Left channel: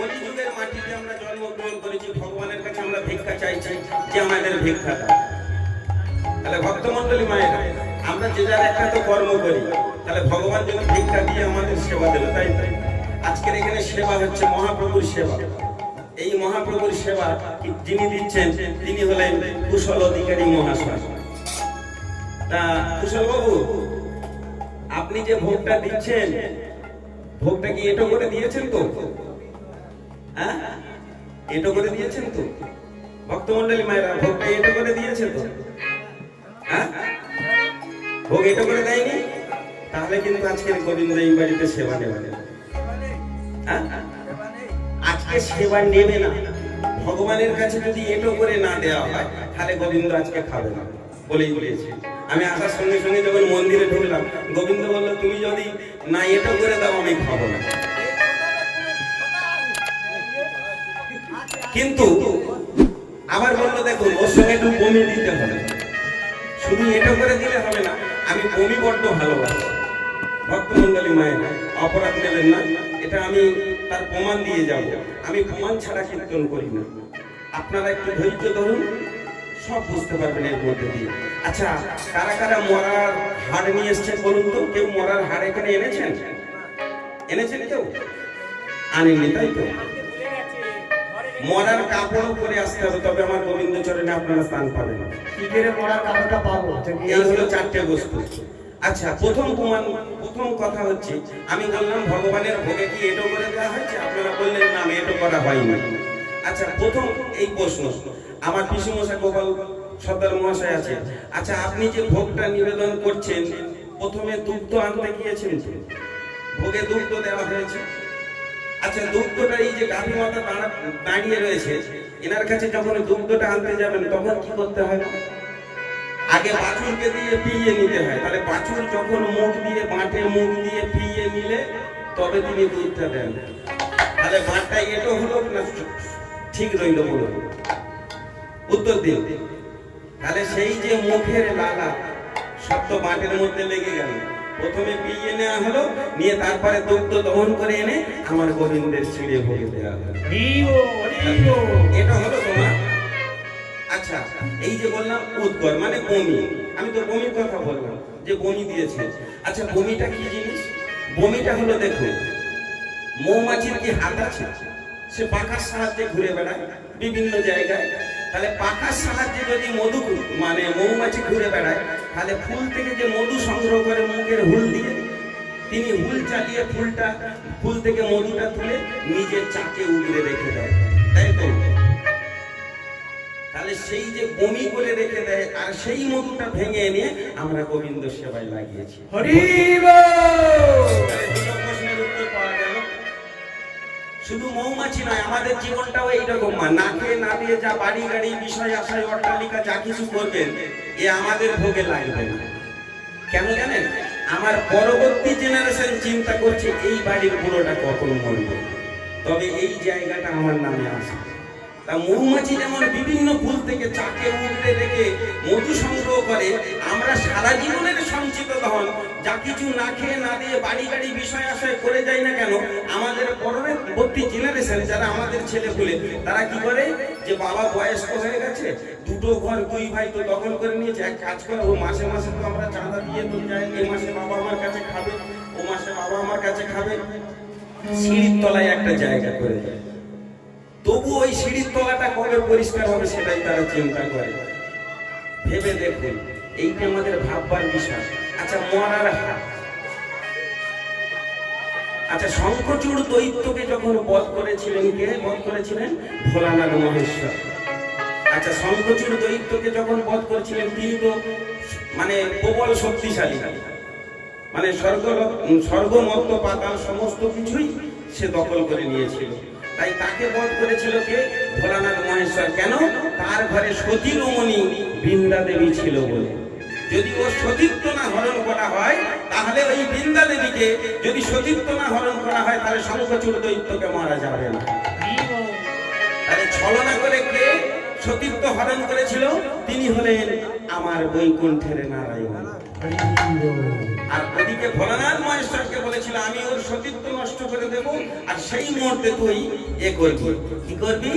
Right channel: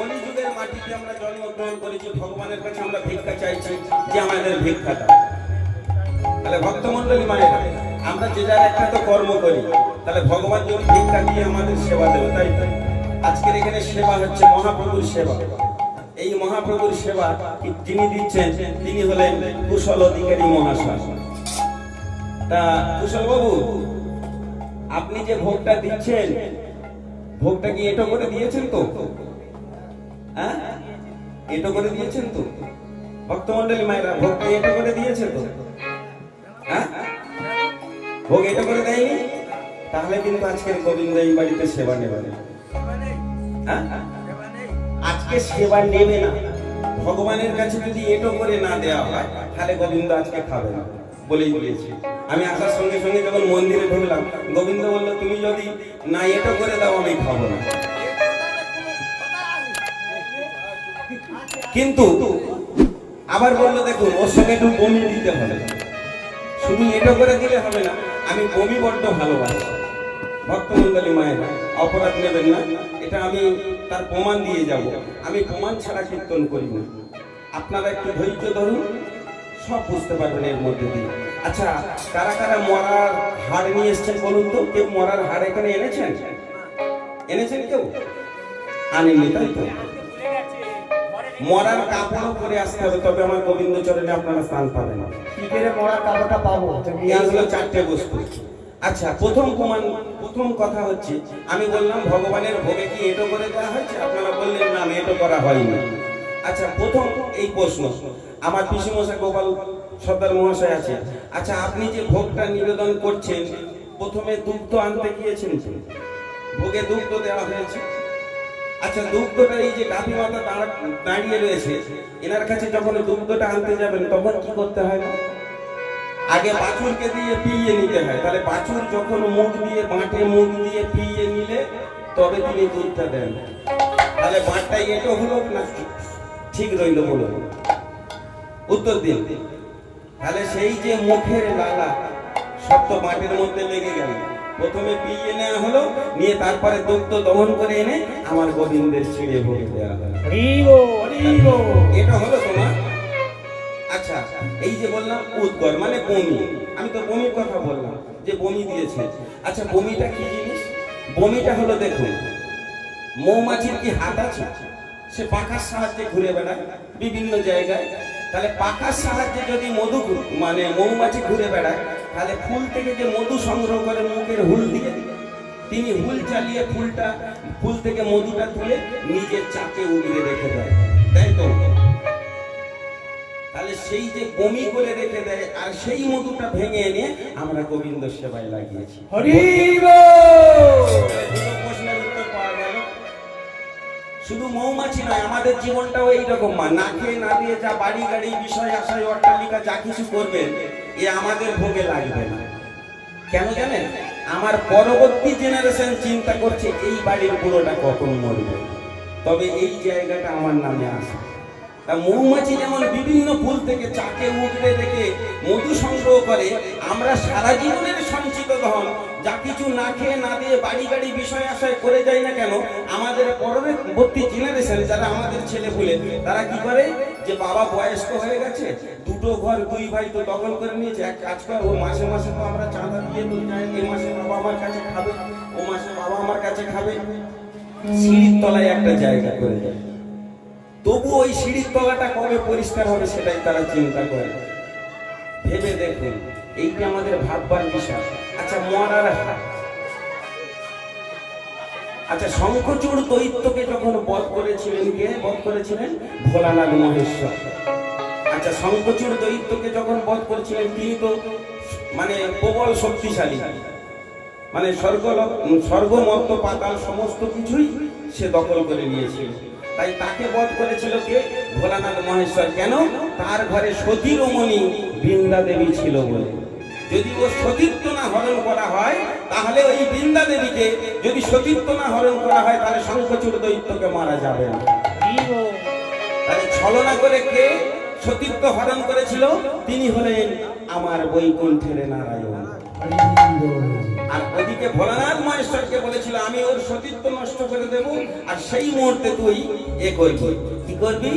কলিযুগের মাটিতে আমরা জন্মগ্রহণ করেছি, ভগবানের কাছে আমরা ভিক্ষা চাইছি যে আমাদের ভিক্ষা তাহলে ভক্তমন্ডলী মায়ের, আমরা যে যার একটা তো কর্ম করি, তাহলে ভগবান যদি ভিক্ষা দিয়ে আমাদের সেবা দেবে তাই আজকের এখানে সেবা হচ্ছে মহাপ্রভুর সেবা। এই মহাপ্রভুর সেবা যিনি দিচ্ছেন? তিনি হলেন কুশল অধিকারী মহাশয়। তা কুশল বাবু আপনি যে ভোগটা দিচ্ছেন, ভোগটা কি এটো করে দিয়েছেন তো? হ্যাঁ? এটো করে দিয়েছেন তো? ভক্তমন্ডলী মায়েরা, ভোগটা এটো করে তো? হ্যাঁ? ভোগ এটো করে দেয়নি? তাহলে কিন্তু আজকের গোবিন্দ এই বাড়িতে সেবা নেবে না। হ্যাঁ? আজকে সেবা নেবে না। ভগবানের কাছে যদি এটো করে না দেওয়া হয়, তাহলে গোবিন্দ আজকে খাবে না। বলেই বলেছে। আমি আসার সঙ্গে সঙ্গে যখন মন্দিরে ঢুকলাম, গোবিন্দ বলল, তুমি যদি না এটো করে দাও, আমি খাব না। কিন্তু আবার বলল দেখুন ওর সঙ্গে একটু বমি দিতে হবে। শুধু এটা করে দিলে হবে না। আমি বমি বড্ড ভালোবাসি। ভক্তমন্ডলী মায়ের, অপরাধ নেবেন না। এটা আমি তার প্রমাণ দিয়ে যাব। আমি প্রমাণ ছাড়া কীর্তন করি না। আপনারা একটু ধৈর্য ধরুন, সব বুঝতে পারবেন এর মধ্যে দিয়ে। আচ্ছা কারা কারা মরার হার নিয়ে এসছেন বলুন তো? কেউ মরার হার এখানে এনেছেন? এনেছেন কেউ? আনেননি, তাই তো? মরার কাপড়ও পরে আসতে হবে তবে আমার গোবিন্দ চরণে আপনারা স্থান পাবেন। কি করে মরার কাপড়টা পাবো তুমি এই হলো চারটে বস্তু। আচ্ছা প্রথম প্রমাণ প্রথম কথা হচ্ছে আমি বললাম ভগবানের ভোগে কি এটো করে দেওয়া হয়েছে? আপনারা বললেন না আমি এটো করা হয়নি আচ্ছা প্রথম এই প্রশ্ন আমার পিসি মশাই গোপাল সর্দার মহাশয় আছে। আচ্ছা আপনি যে ভোগটা নিবেদন করছেন প্রথমে দুগ্ধ আনতে গিয়েছেন? ভোগে দুগ্ধ দেওয়া হয়েছে। আচ্ছা দুগ্ধটা এই যে গাভী মাতা দাঁড়া- দাঁড়িয়ে রয়েছে, এনার কাছে যখন দুগ্ধটা আনতে যাবেন, তখন কি করতে হয়? আগে বাছুরকে দিয়ে পিয়ে নিতে হয়। তাহলে বাছুর যখন মুখ দিয়ে, বাঁটে মুখ দিয়ে পিয়ে নিলে, তবে তিনি দুধটা দেন। তাহলে বাঁটটা এটো হলো না ঠিক রইল বলুন উত্তর দিন। তাহলে সেই যে মুখের লালা, সব তো মাটির মধ্যে লেগে গেল। প্রথমে পিয়ে নেওয়া হলো নিয়ে তারপরে দুগ্ধ দহন করে এনে আমার গোবিন্দের ছিঁড়ে ভোগে দেওয়া হলো। এটা হলো তোমার আচ্ছা এই যে বললাম উদ্গর মানে বমি। আমি তো বমির কথা বললাম যে বমি দিয়েছে। আচ্ছা বমিটা কি জিনিস? বমিটা হলো দেখুন মৌমাছির কি হাত আছে? সে পাখার সাহায্যে ঘুরে বেড়ায় বিভিন্ন জায়গায়। তাহলে পাখার সাহায্যে যদি মধু মানে মৌমাছি ঘুরে বেড়ায় তাহলে ফুল থেকে যে মধু সংগ্রহ করে মুখের হুল দিয়ে তিনি হুল চালিয়ে ফুলটা ফুল থেকে মধুটা তুলে নিজের চাকে উগড়ে রেখে দেয়। তাই তো? তাহলে সেই যে বমি করে রেখে দেয় আর সেই মধুটা ভেঙে এনে আমরা গোবিন্দ সেবায় লাগিয়েছি। শুধু মৌমাছি নয় আমাদের জীবনটাও এইরকম মা। না খেয়ে না দিয়ে যা বাড়ি গাড়ি বিষয় আশায় অট্টালিকা যা কিছু করবেন এ আমাদের ভোগে লাগবে না। কেন জানেন? আমার পরবর্তী জেনারেশন চিন্তা করছে, এই বাড়ির পুরোটা কখন মরবে? তবে এই জায়গাটা আমার নামে আসে তা মৌমাছি যেমন বিভিন্ন ফুল থেকে চাকে উগড়ে রেখে মধু সংগ্রহ করে, আমরা সারা জীবনের সঞ্চিত ধন, যা কিছু না খেয়ে না দিয়ে বাড়ি গাড়ি বিষয় আশায় করে যাই না কেন, আমাদের পরবর্তী জেনারেশন যারা আমাদের ছেলে পুলে, তারা কি করে? যে বাবা বয়স্ক হয়ে গেছে, দুটো ঘর দুই ভাই তো দখল করে নিয়েছে, এক কাজ করে মাসে মাসে তো আমরা চাঁদা দিয়ে তো যাই এই মাসে বাবা আমার কাছে খাবে, ও মাসে বাবা আমার কাছে খাবে। সিঁড়ির তলায় একটা জায়গা করে দেয়। তবু ওই সিঁড়ির তলাটা কবে পরিষ্কার হবে সেটাই তারা চিন্তা করে। ভেবে দেখুন, এইটা আমাদের ভাববার বিষয়। আচ্ছা মরার হাত। আচ্ছা শঙ্খচূড় দৈত্যকে যখন বধ করেছিলেন কে? বধ করেছিলেন ভোলানাথ মহেশ্বর। আচ্ছা শঙ্খচূড় দৈত্যকে যখন বধ করেছিলেন তিনি তো মানে প্রবল শক্তিশালী। মানে স্বর্গ স্বর্গমত্ত পাতাল সমস্ত কিছুই সে দখল করে নিয়েছিল। তাই তাকে বধ করেছিল কে? ভোলানাথ মহেশ্বর। কেন? তার ঘরে সতীরমণি বৃন্দা দেবী ছিল বলে। যদি ও সতীত্ব না হরণ করা হয়, তাহলে ওই বৃন্দা দেবীকে যদি সতীত্ব না হরণ করা হয়, তাহলে শঙ্খচূড় দৈত্যকে মারা যাবে না। তাহলে ছলনা করে কে সতীত্ব হরণ করেছিল? তিনি হলেন আমার বৈকুণ্ঠের নারায়ণ। আর ওদিকে ভোলানাথ মহেশ্বরকে বলেছিল, আমি ওর সতীত্ব নষ্ট দেবো, আর সেই মুহূর্তে তুই এ করবি। কি করবি?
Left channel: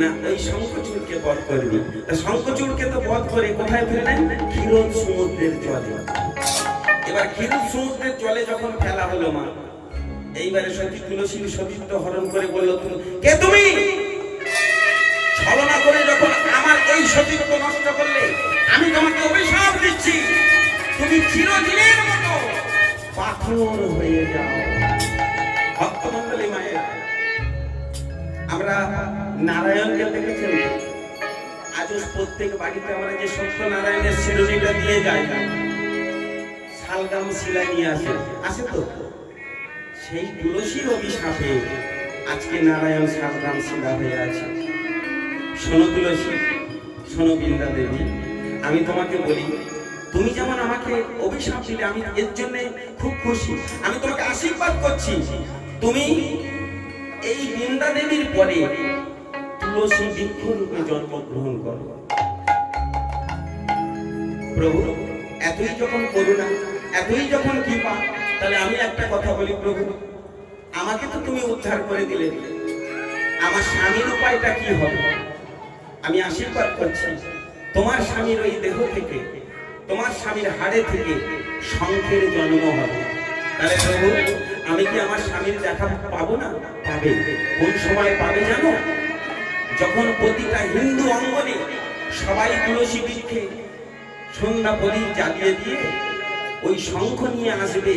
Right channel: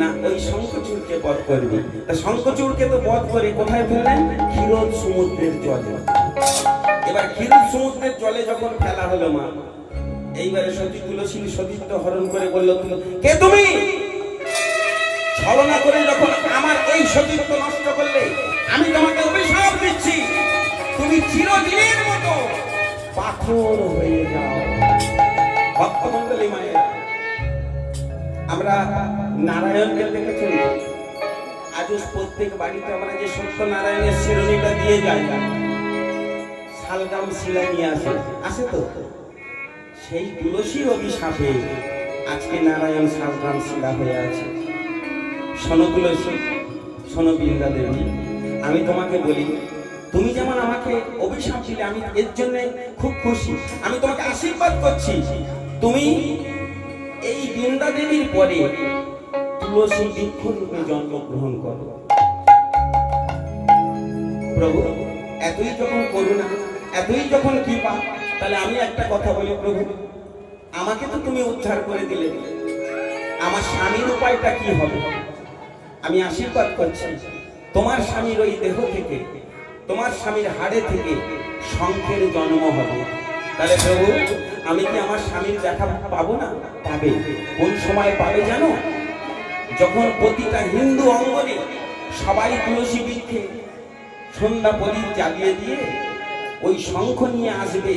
না, ওই শঙ্খচূড়কে বধ করবি। শঙ্খচূড়কে তো বধ করে কোথায় ফেললেন ক্ষীরোদ সমুদ্রের জলে। এবার ক্ষীরোদ সমুদ্রের জলে যখন ফেলা হলো মা, এইবারে সতী তুলসী সতীত্ব হরণ করে বলল, তুমি, কে তুমি? ছলনা করে যখন আমার এই সতীত্ব নষ্ট করলে, আমি তোমাকে অভিশাপ দিচ্ছি। তুমি চিরদিনের মতো পাথর নারায়ণকে দেখেছেন? আজও প্রত্যেক বাড়িতে আমরা যে শিরোনিটা দিয়ে শালগাম শিলা নিয়ে আসে। আসে তো? সেই তুলসীর অভিশাপে আজকে নারায়ণ শিলা হয়ে আছে। শোনো তুলসী, শোনো বৃন্দা দেবী, আমি তোমাকে বলি, তুমি যেমন আমাকে অভিশাপ দিলে, আমি এর জন্য খুব খুশি। আমি তোমাকে আশীর্বাদ করছি। তুমি এই বৃন্দা দেবীর পরে তুলসী বৃক্ষ রূপে জন্মগ্রহণ করো। প্রভু, এতই যখন করুণা, এতই যখন কৃপা, তাহলে আমি একটা কথা বলি, প্রভু, আমাকে তো তুমি উদ্ধার করে দিলে। আমার স্বামীর উপায়টা কি হবে? আমি আশীর্বাদ করছি, তোমার স্বামীর ওই দেহ থেকে, তোমার স্বামীর হাড়ে থেকে শঙ্খের জন্ম হবে। তাহলে প্রভু, আমি কি আমার স্বামীর দেখা পাবো না? পাবে। কোন সময় পাবে জানো? যখন প্রতিটা হিন্দু অঙ্গনে সবাই তুলসী বৃক্ষে সন্ধ্যা পরি জ্বালিয়ে দিয়ে ওই শঙ্খ নিয়ে আসবে,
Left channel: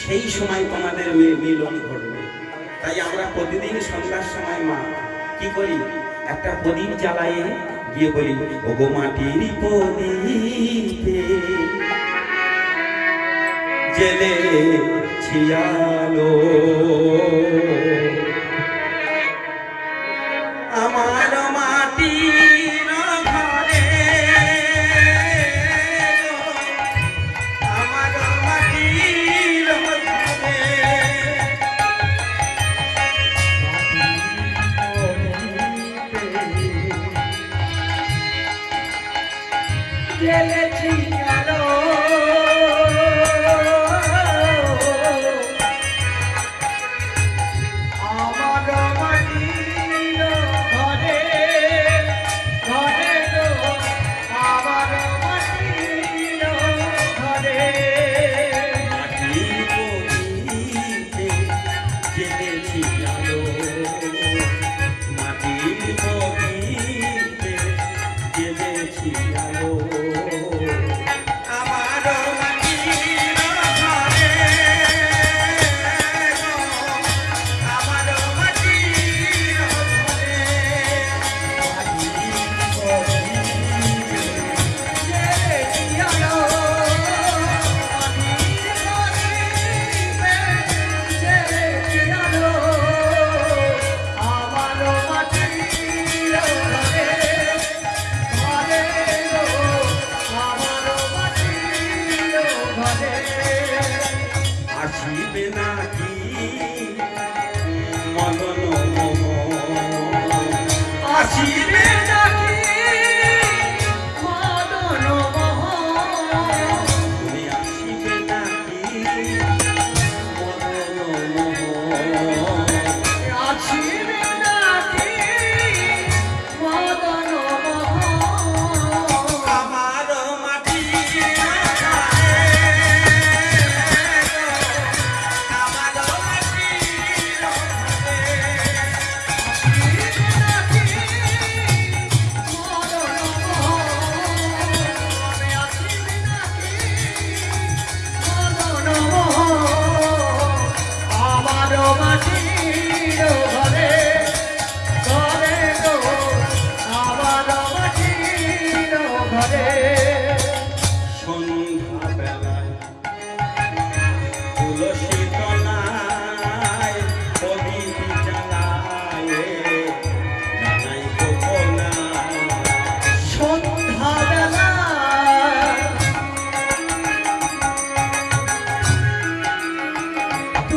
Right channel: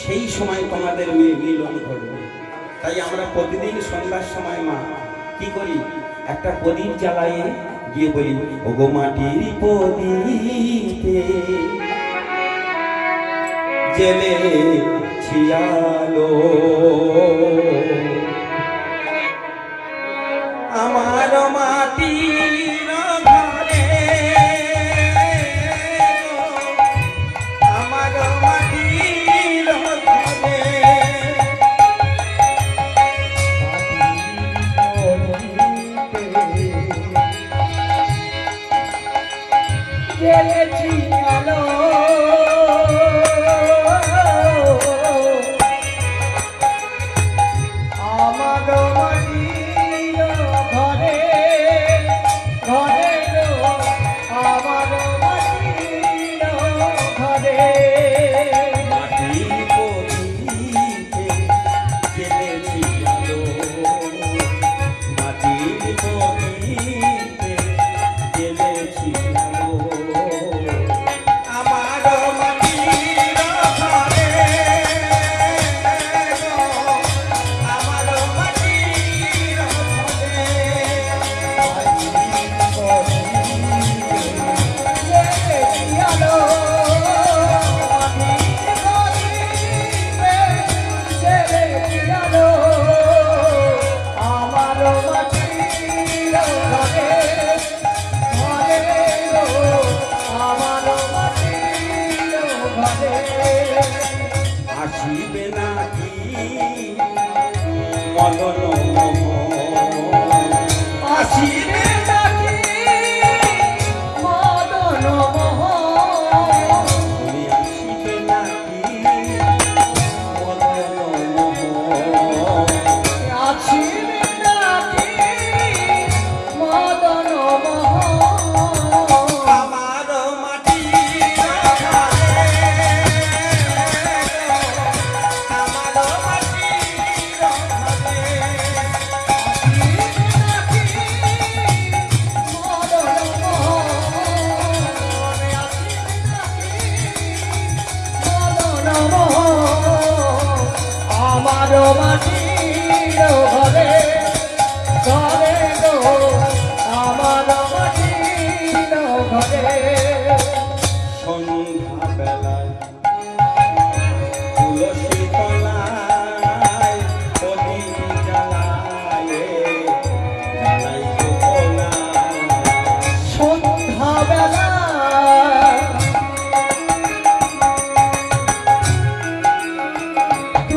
সেই সময় তোমাদের মেয়ে মিলন ঘটবে। তাই আমরা প্রতিদিন সন্ধ্যার সময় মা, কি করি? একটা প্রদীপ জ্বালায়ে গিয়ে বলি, ওগো মাটির প্রদীপে জেলে ছিয়ালো